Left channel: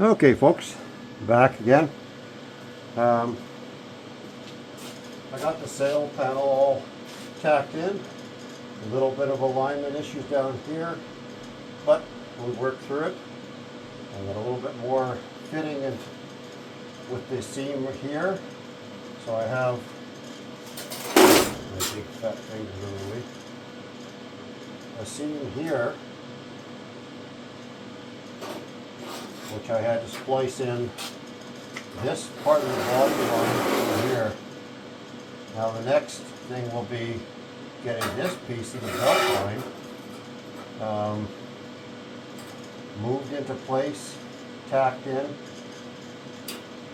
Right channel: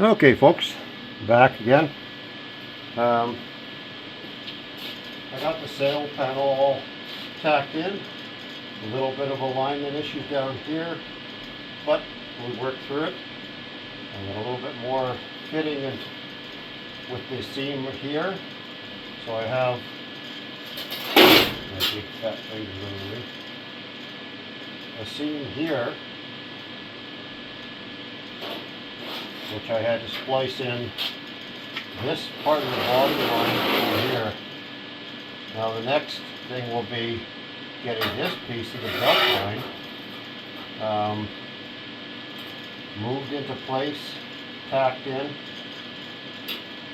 Okay folks, back again. I got the sail panel all tacked in. A little bit of alignment issues down here, but we worked through it. I got a little bit more fitting in with the seam here. So I have my big fat fingers underneath. A seam here, which I had to splice in this part of the body line over here. Now the next thing will be getting this piece of the belt line moved into place, tacked in.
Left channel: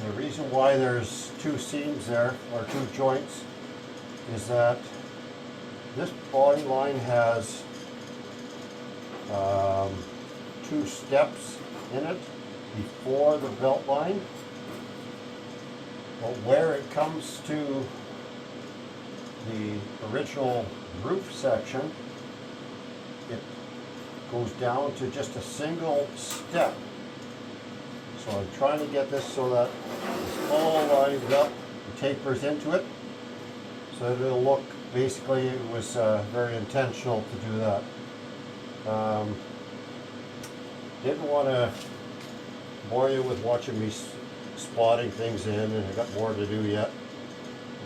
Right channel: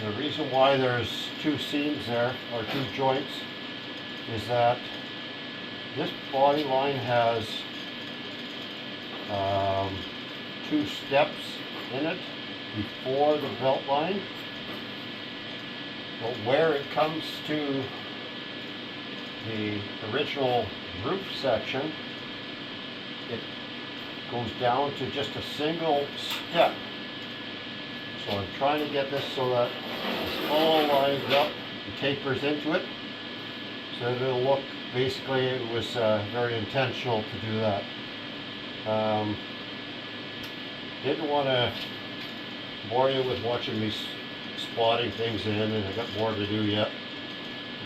And the reason why there's two seams there, or two joints, is that this body line has two steps in it before the belt line, but where it comes to the original roof section, it goes down to just a single step. So I'm trying to get this so that it's all lined up and tapers into it, so that it'll look, basically it was very intentional to do that. Didn't want to bore you with watching me spotting things in, and I got more to do yet.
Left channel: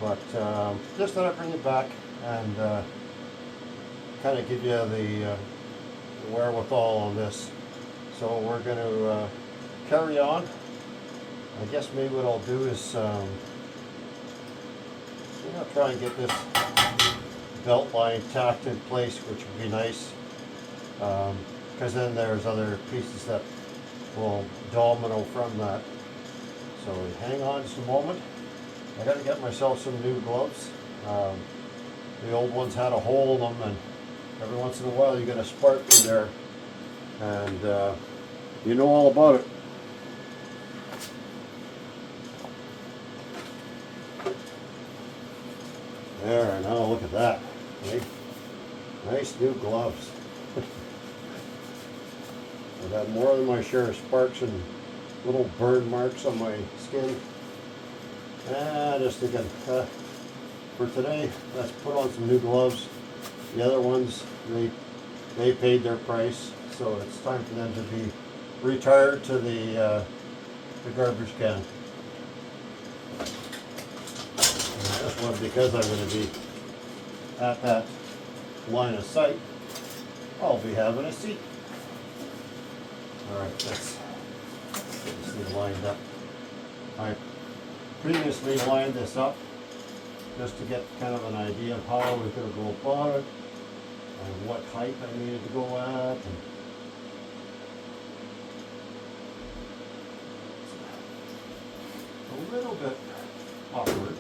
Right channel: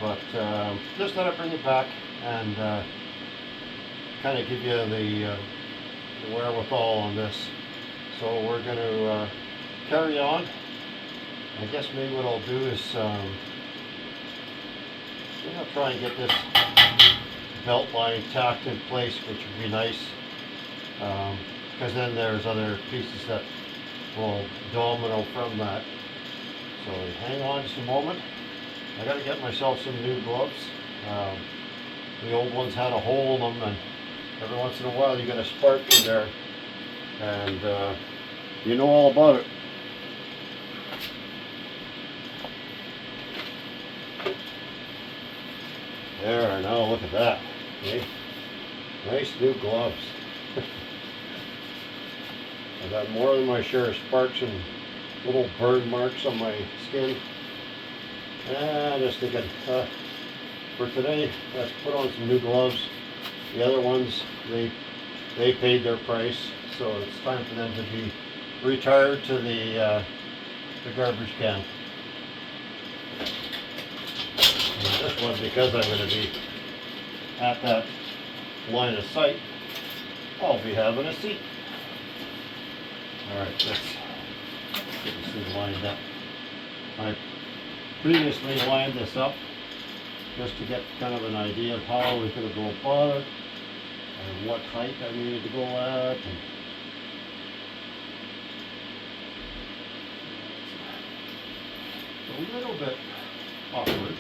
But just thought I'd bring it back and kind of give you the wherewithal on this. So we're going to carry on. I guess maybe what I'll do is I'll try and get this belt line tacked in place, which would be nice. Because then there's other pieces that will domino from that. So hang on just a moment. I got to get myself some new gloves. The old ones had a hole in them, and every once in a while you get a spark in there, and you know all about it. There, now look at that. Okay? Nice new gloves. I got more than my share of sparks and little burn marks on my skin. Just thinking, for today, let's put on some new gloves. The other ones, they paid their price, so it's time for them to be retired to the garbage can. And this one, because I'm going to be at that line of sight, I'll be having a seat. Alright, let's get this thing lined up. I previously lined this up just to get kind of an idea of how I was going to go about it and what height I needed to go at. And a little bit awkward.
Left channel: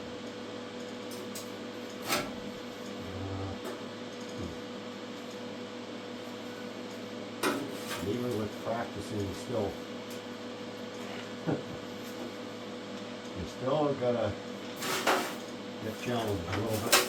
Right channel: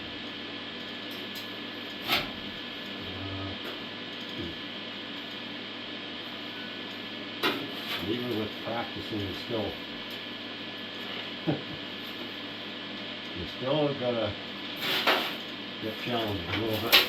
Even with practicing, still you still gotta get challenged a little bit.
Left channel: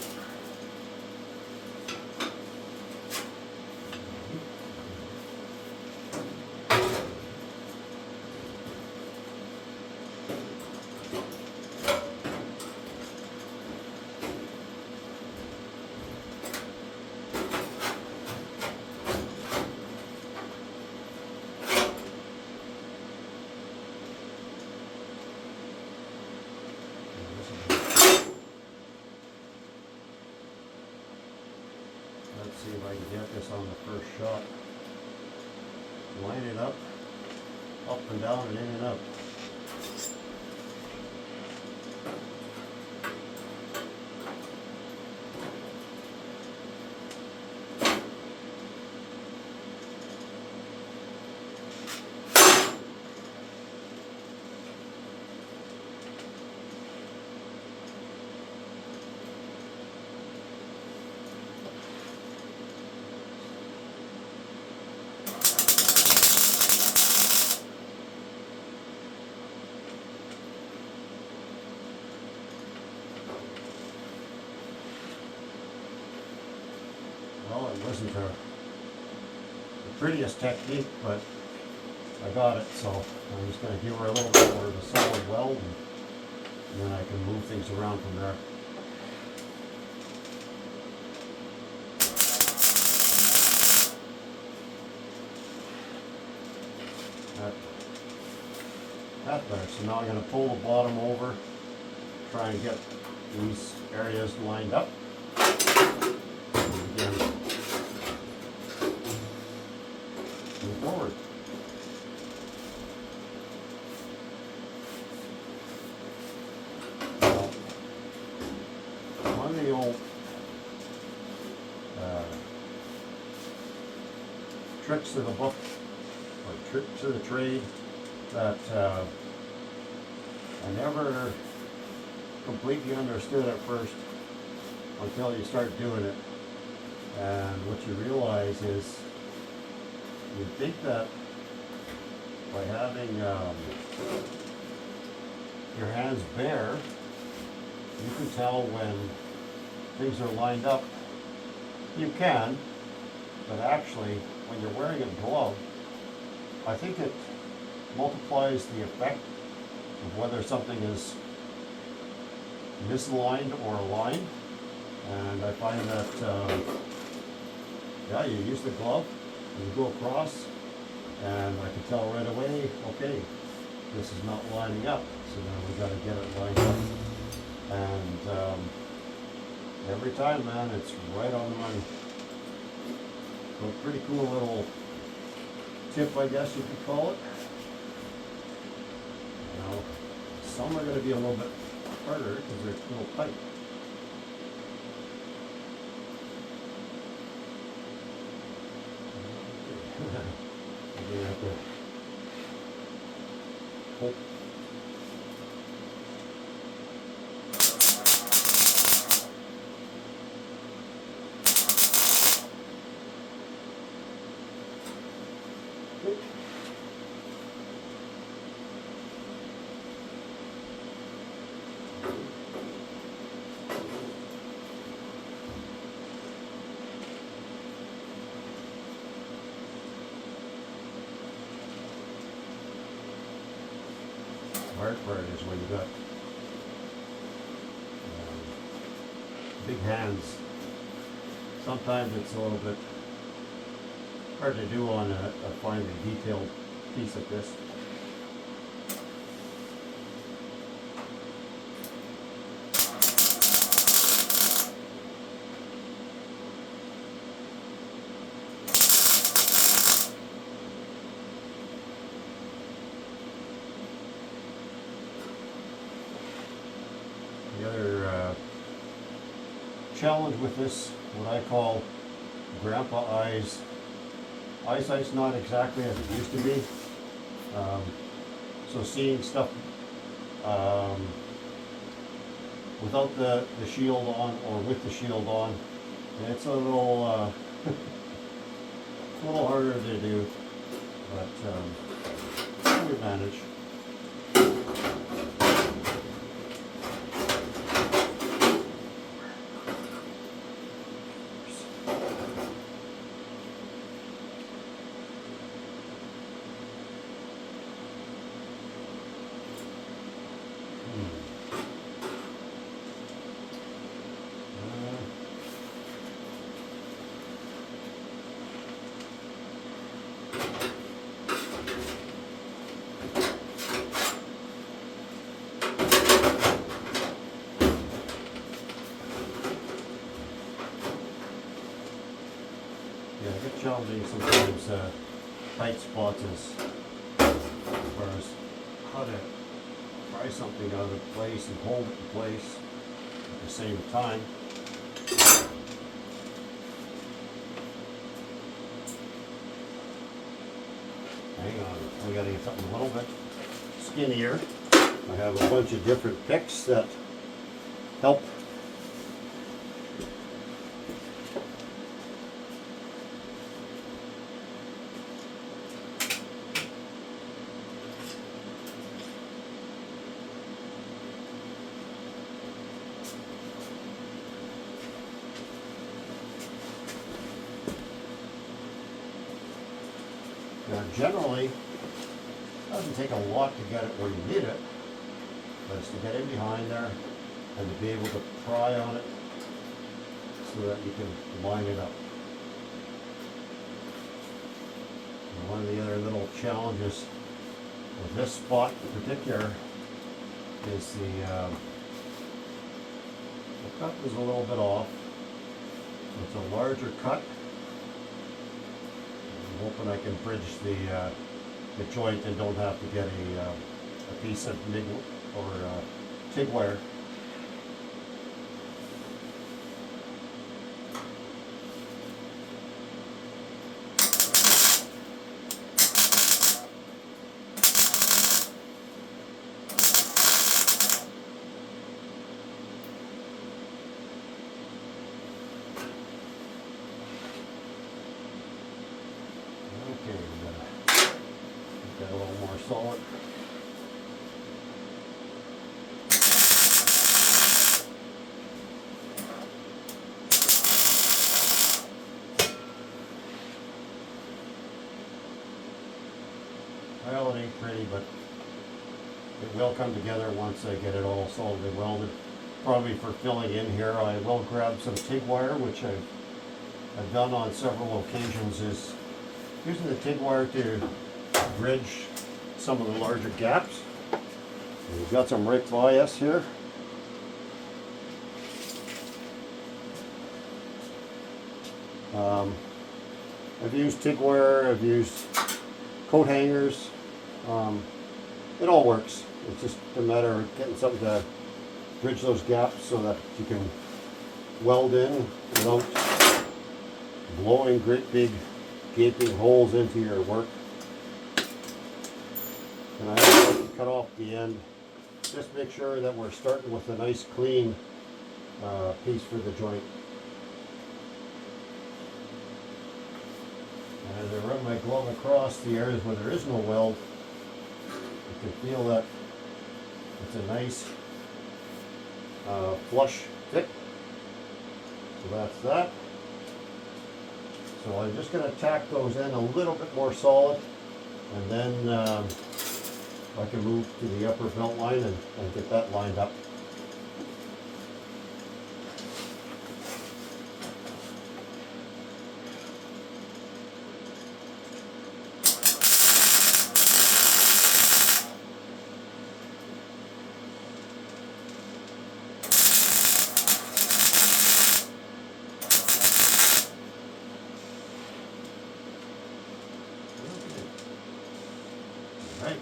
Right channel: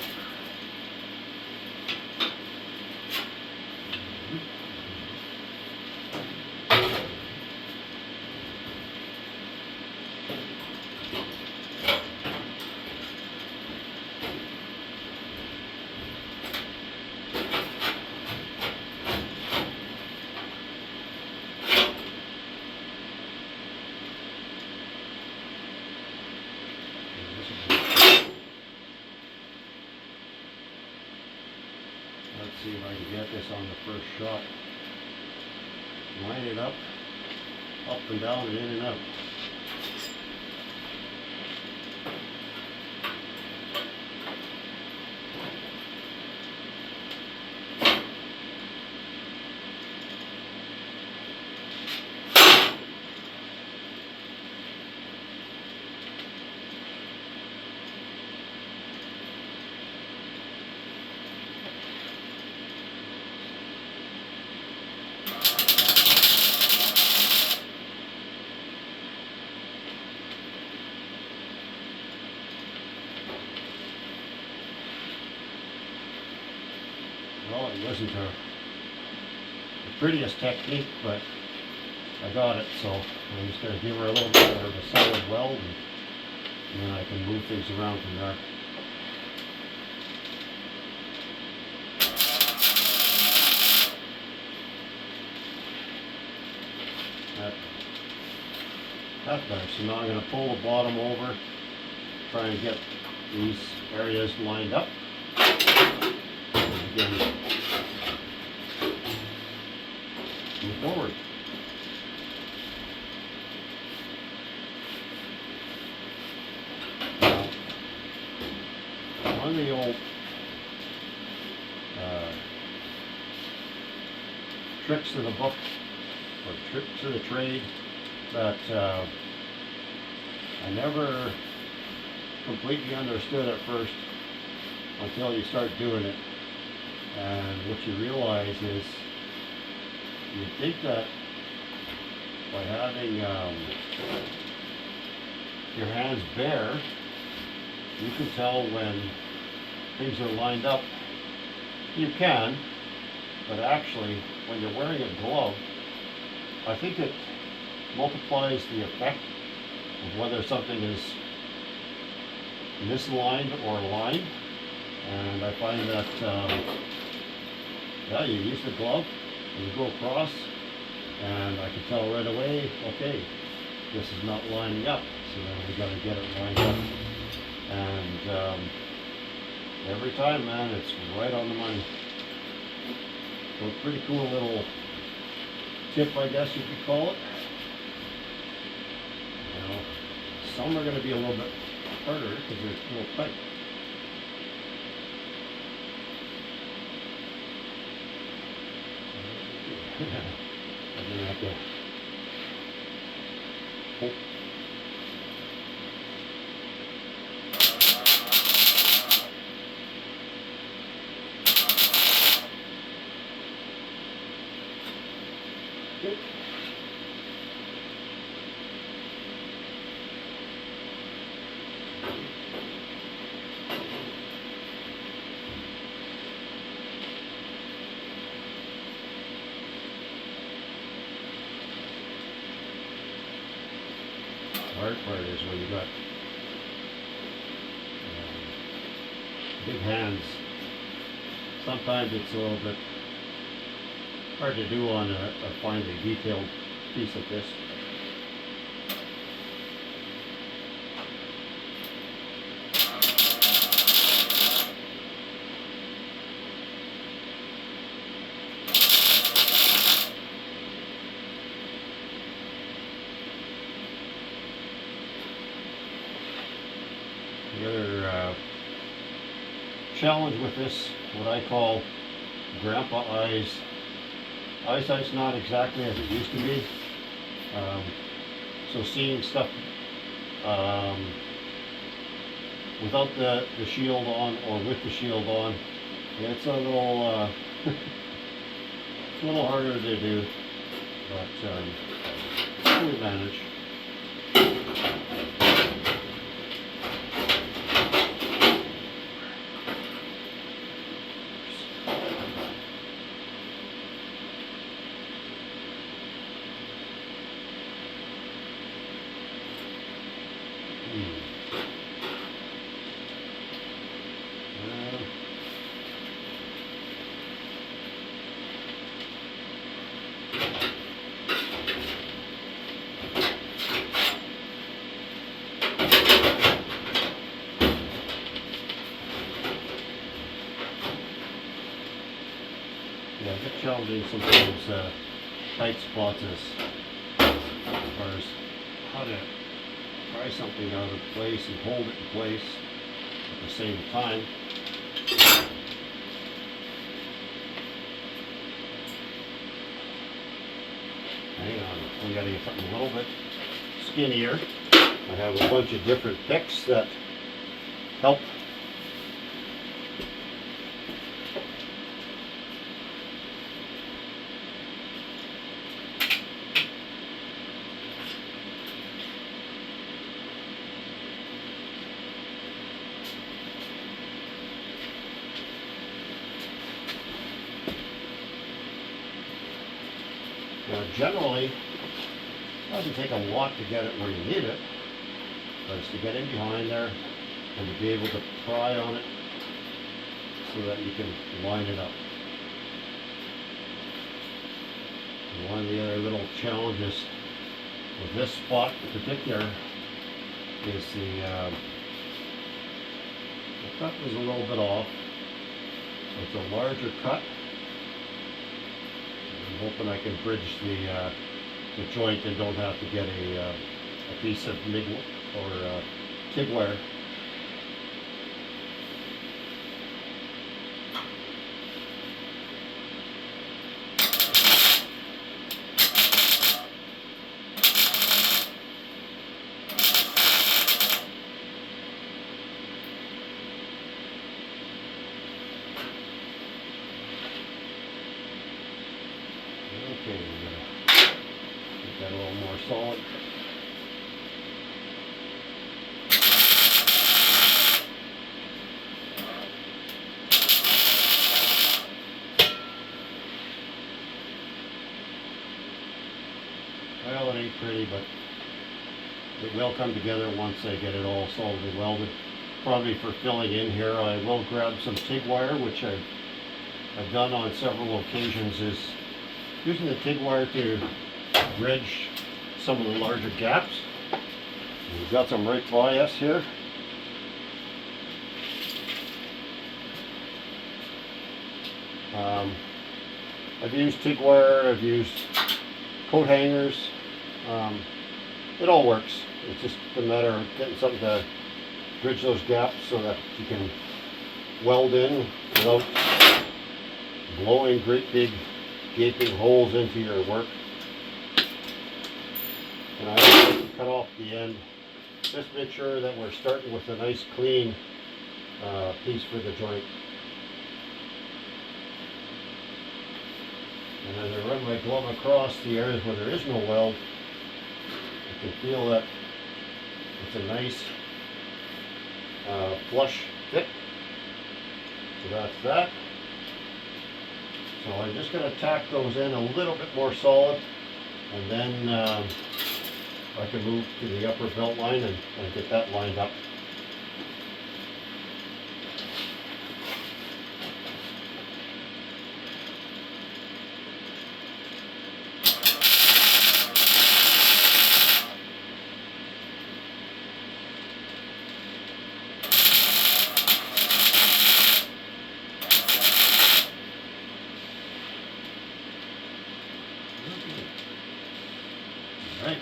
Let's see if I can get this on the first shot. Line it up and down and in and out. Well, it wasn't the prettiest technique, but I got it, so I'm just going to give her a little bit of a solid weld, and then I can move things around from there. That's better. So now I'm going to pull the bottom over, try and get these areas lined up. And again, move forward. Now, one of the old tricks of the book, or tricks of the trade, that I never completely understood at first until you start doing it. And what you realize is, you think that by having your hands bare, you can tell when things are lined up. You can, but actually, when you're wearing a glove, I think it multiplies the effect of whether something is misaligned or aligned. And I find that, yeah, you use the glove and you go across, and I can tell right away, okay, this is not lining up, so then we got to get it lined up. And every time, man, it's right on the money. So a pretty cool little tip, I guess you could call it. You know, some are going to be a little bit harder because they're a little tight. I'm going to have to pull. Hard part is when you got big hands. Sometimes it's a little bit hard to do on a finely detailed piece like this. The other challenge with this, what I call grandpa eyes. Eyesight's not exactly as it used to be. So seeing stuff without the shield on or with the shield on, it's a little it's a little harder to do, but we manage. Yeah, I get challenging sometimes tight spots as far as how to pry something out of place and hold it in place at the same time. Hang on, we gotta get something a little bit skinnier. I have a bunch of different picks that help. Now generally, Doesn't take a lot to get it where you need it, but it's to get in behind there and to be able to pry on it so that you can line it up. And one of the other little challenges with this spot in particular is the cut is a little bit off. So it's a larger cut. I'm hoping I can bridge the joint and don't have to get a piece of MIG or TIG wire. Okay, we're gonna make that a little more solid. Well, it ain't pretty, but it will come together once I get it all solidly welded. Probably for filling in here, I will grab some TIG wire, which I've done on several occasions, is using the TIG wire to bridge some of the larger gaps. And we've got some right by us here. I've used TIG wire, I've used coat hangers. It all works. It's just a matter of getting something to bridge those gaps so that you can weld in without blowing great big gaping holes into your work. And I also like to cut off the end. Just make sure that we're starting with a nice clean piece for the joint. And as I run my glove across the areas where there is no weld, you can feel that it's a nice flush fit. So that's that. So I'm just going to tack those in a little bit more solid, and then I can move to the upper belt line and get that lined up. Right.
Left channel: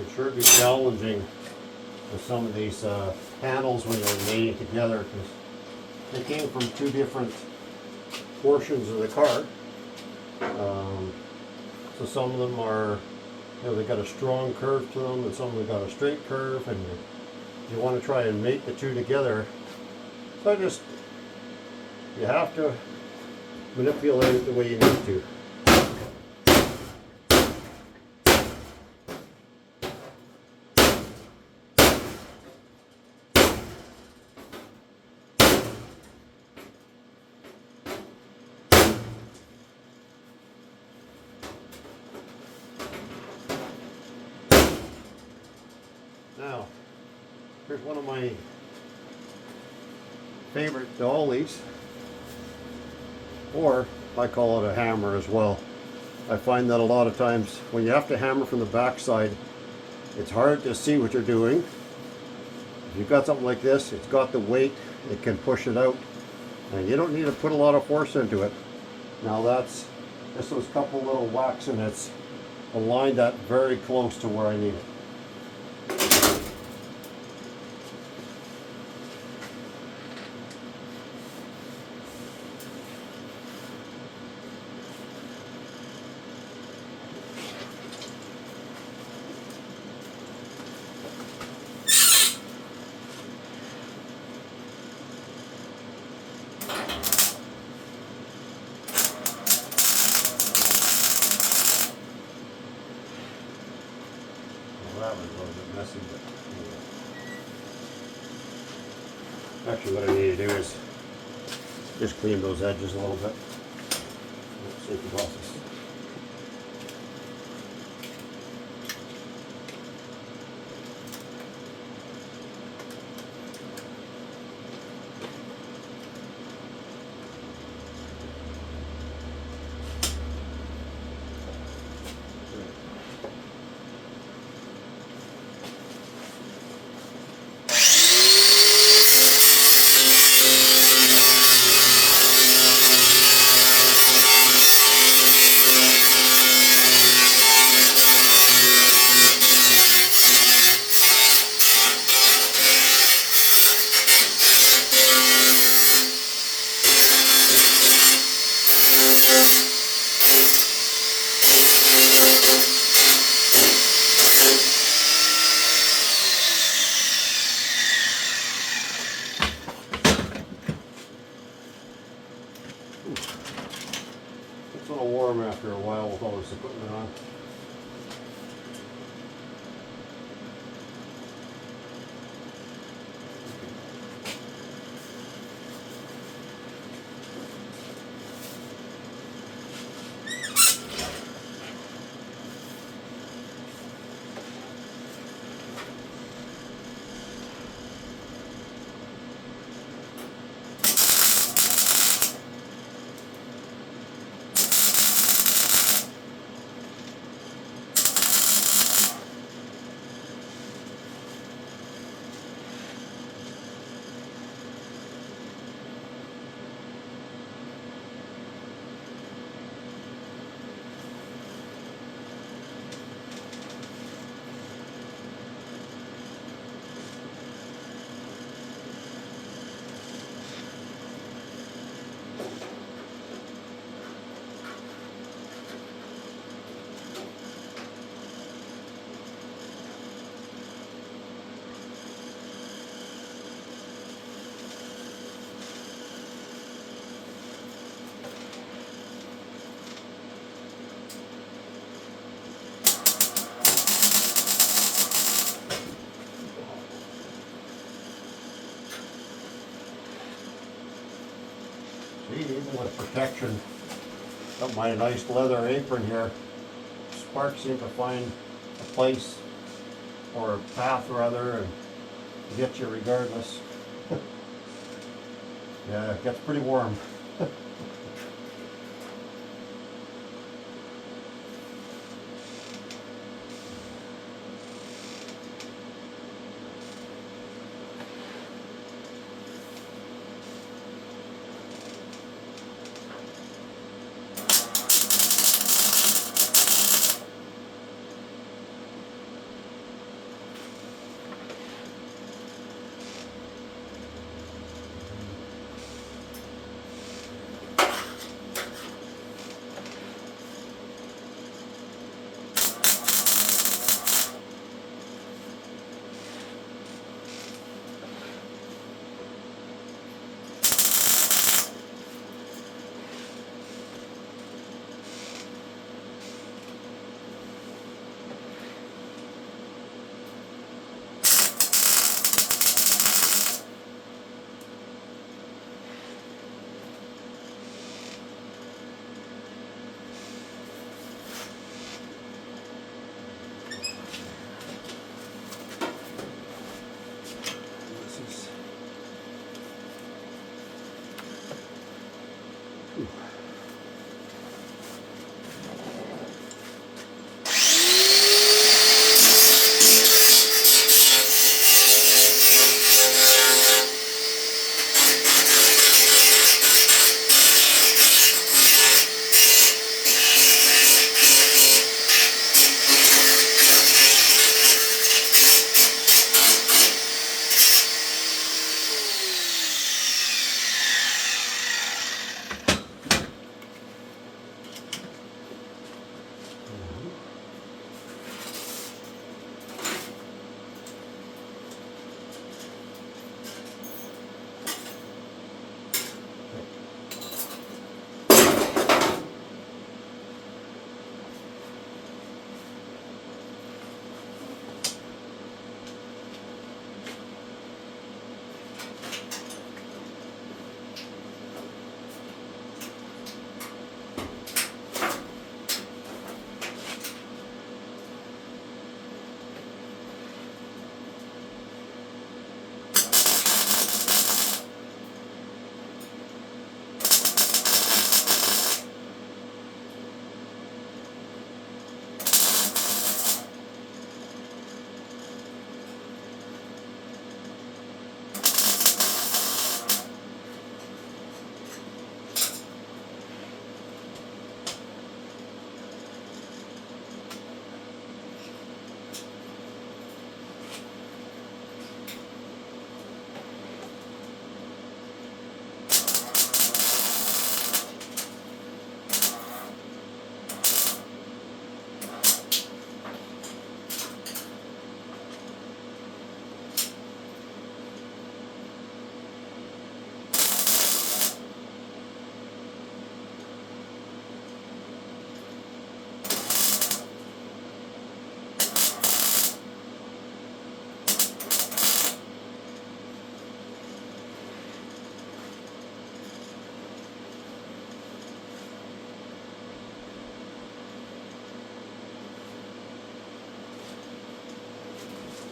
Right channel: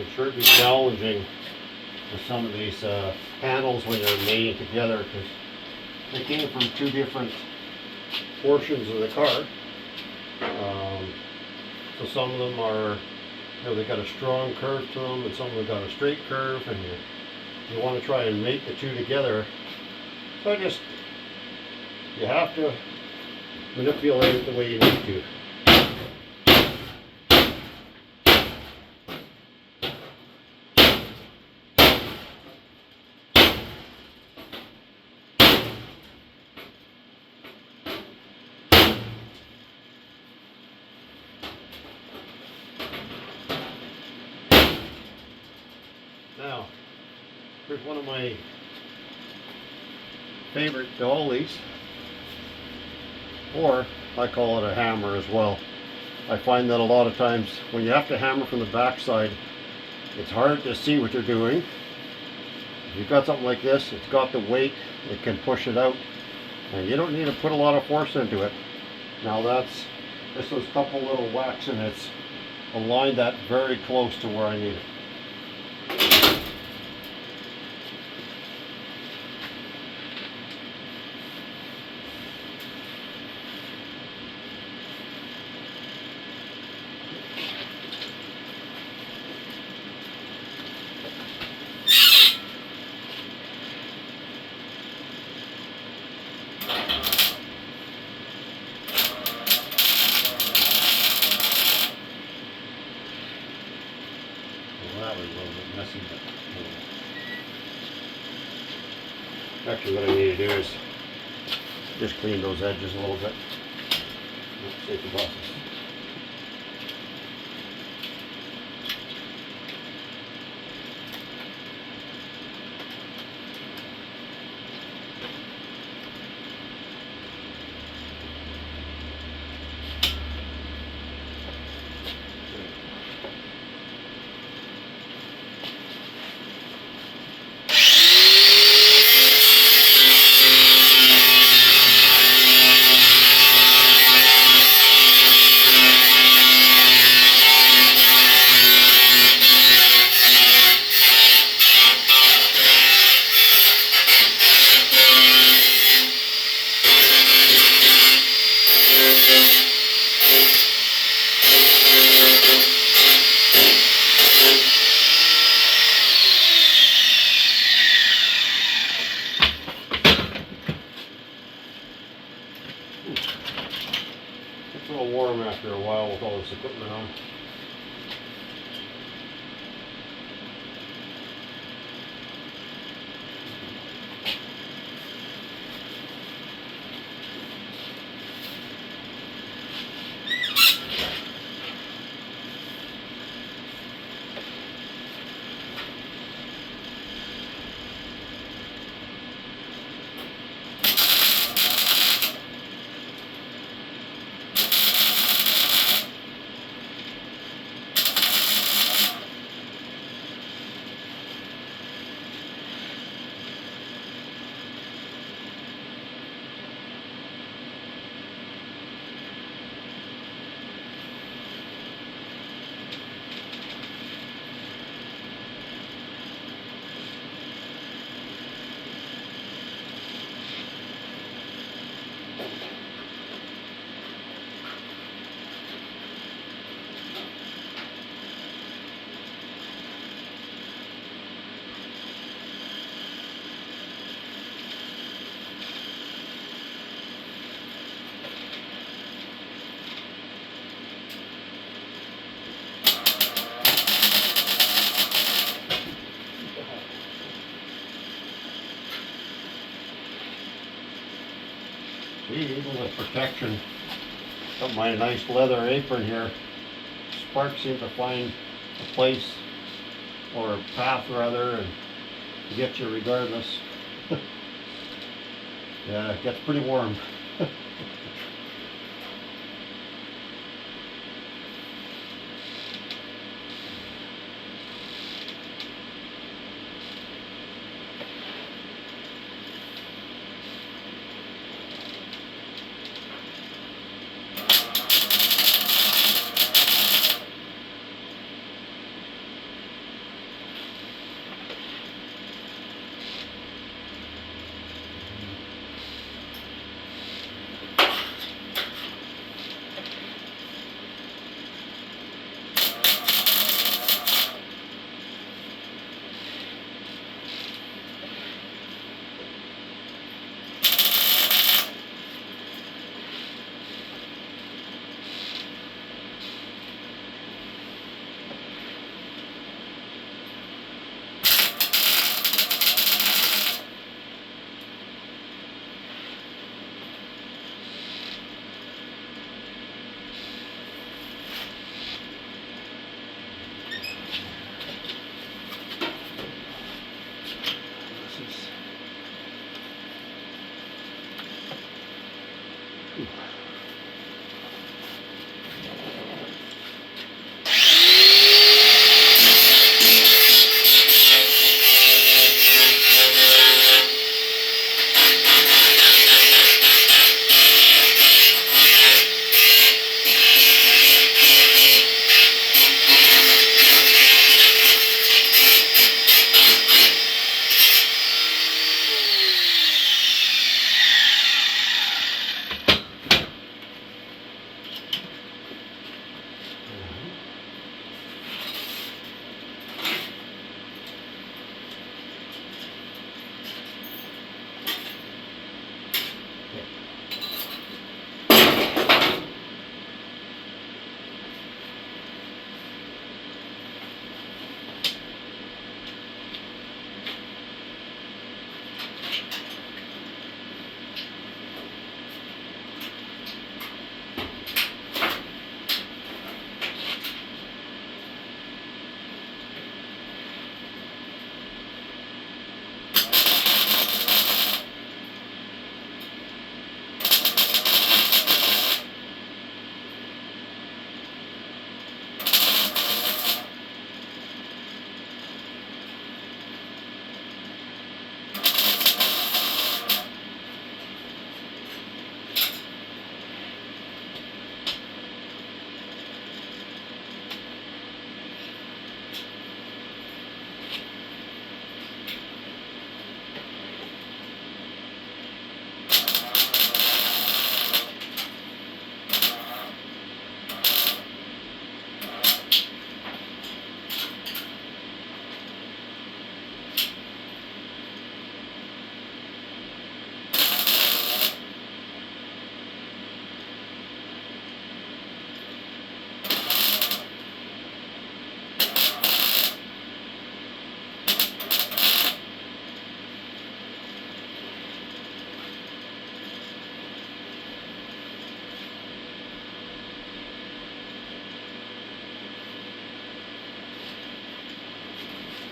It can sure be challenging with some of these panels when they're made together, because they came from two different portions of the car. So some of them are, they've got a strong curve to them, and some of them got a straight curve, and you want to try and mate the two together. So you have to manipulate it the way you need to. Now, here's one of my favorite dollies, or I call it a hammer as well. I find that a lot of times when you have to hammer from the back side, it's hard to see what you're doing. If you've got something like this, it's got the weight, it can push it out, and you don't need to put a lot of force into it. Now this was a couple little whacks, and it's aligned that very close to where I need it. Well, that was a little bit messy, but anyway. Actually, what I need to do is just clean those edges a little bit. Safety glasses. It's a little warm after a while with all this equipment on. See, even with protection of my nice leather apron here, sparks seem to find a place, or a path rather, and get you regardless. Yeah, it gets pretty warm.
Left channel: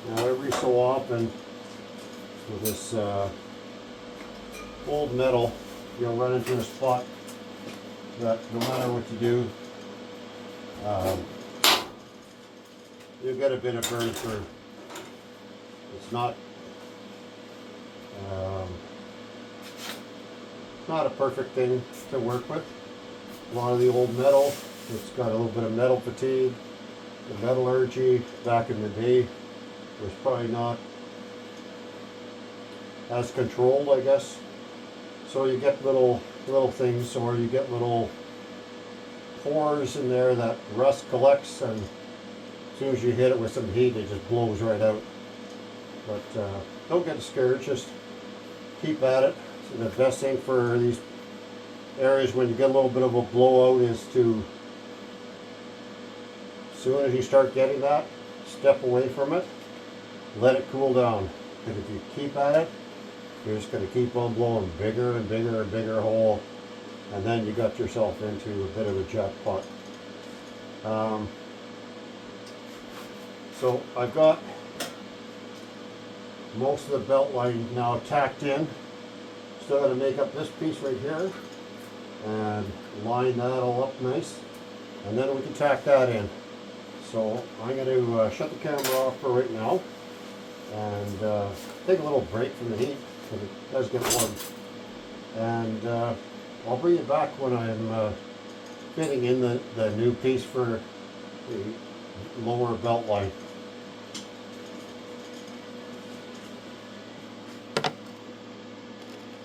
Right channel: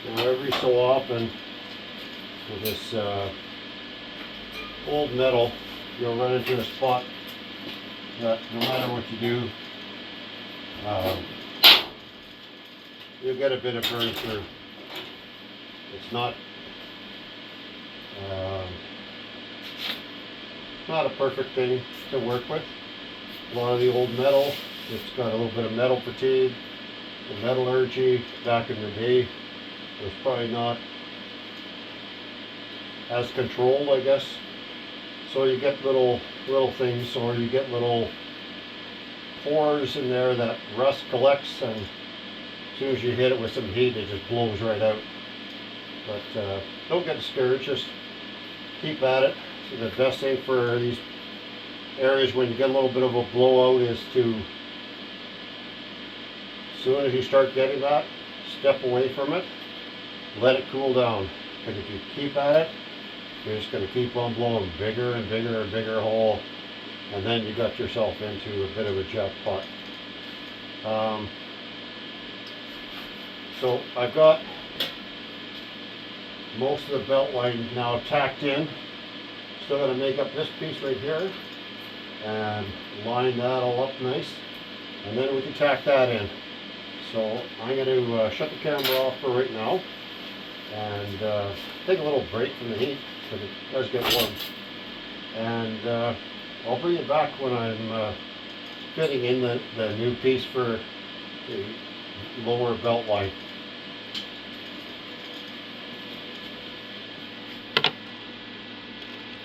Now every so often with this old metal, you'll run into a spot that no matter what you do, you'll get a bit of burn through. It's not a perfect thing to work with. A lot of the old metal, it's got a little bit of metal fatigue. The metallurgy back in the day was probably not as controlled, I guess. So you get little things, or you get little pores in there that rust collects, and as soon as you hit it with some heat, it just blows right out. But don't get discouraged, just keep at it. So the best thing for these areas when you get a little bit of a blowout is to, as soon as you start getting that, step away from it, let it cool down. Because if you keep at it, you're just going to keep on blowing bigger and bigger and bigger hole, and then you got yourself into a bit of a jackpot. So I've got most of the belt line now tacked in. Still got to make up this piece right here and line that all up nice, and then we can tack that in. So I'm going to shut the camera off for right now and take a little break from the heat because it does get warm. And I'll bring you back when I'm fitting in the new piece for the lower belt line.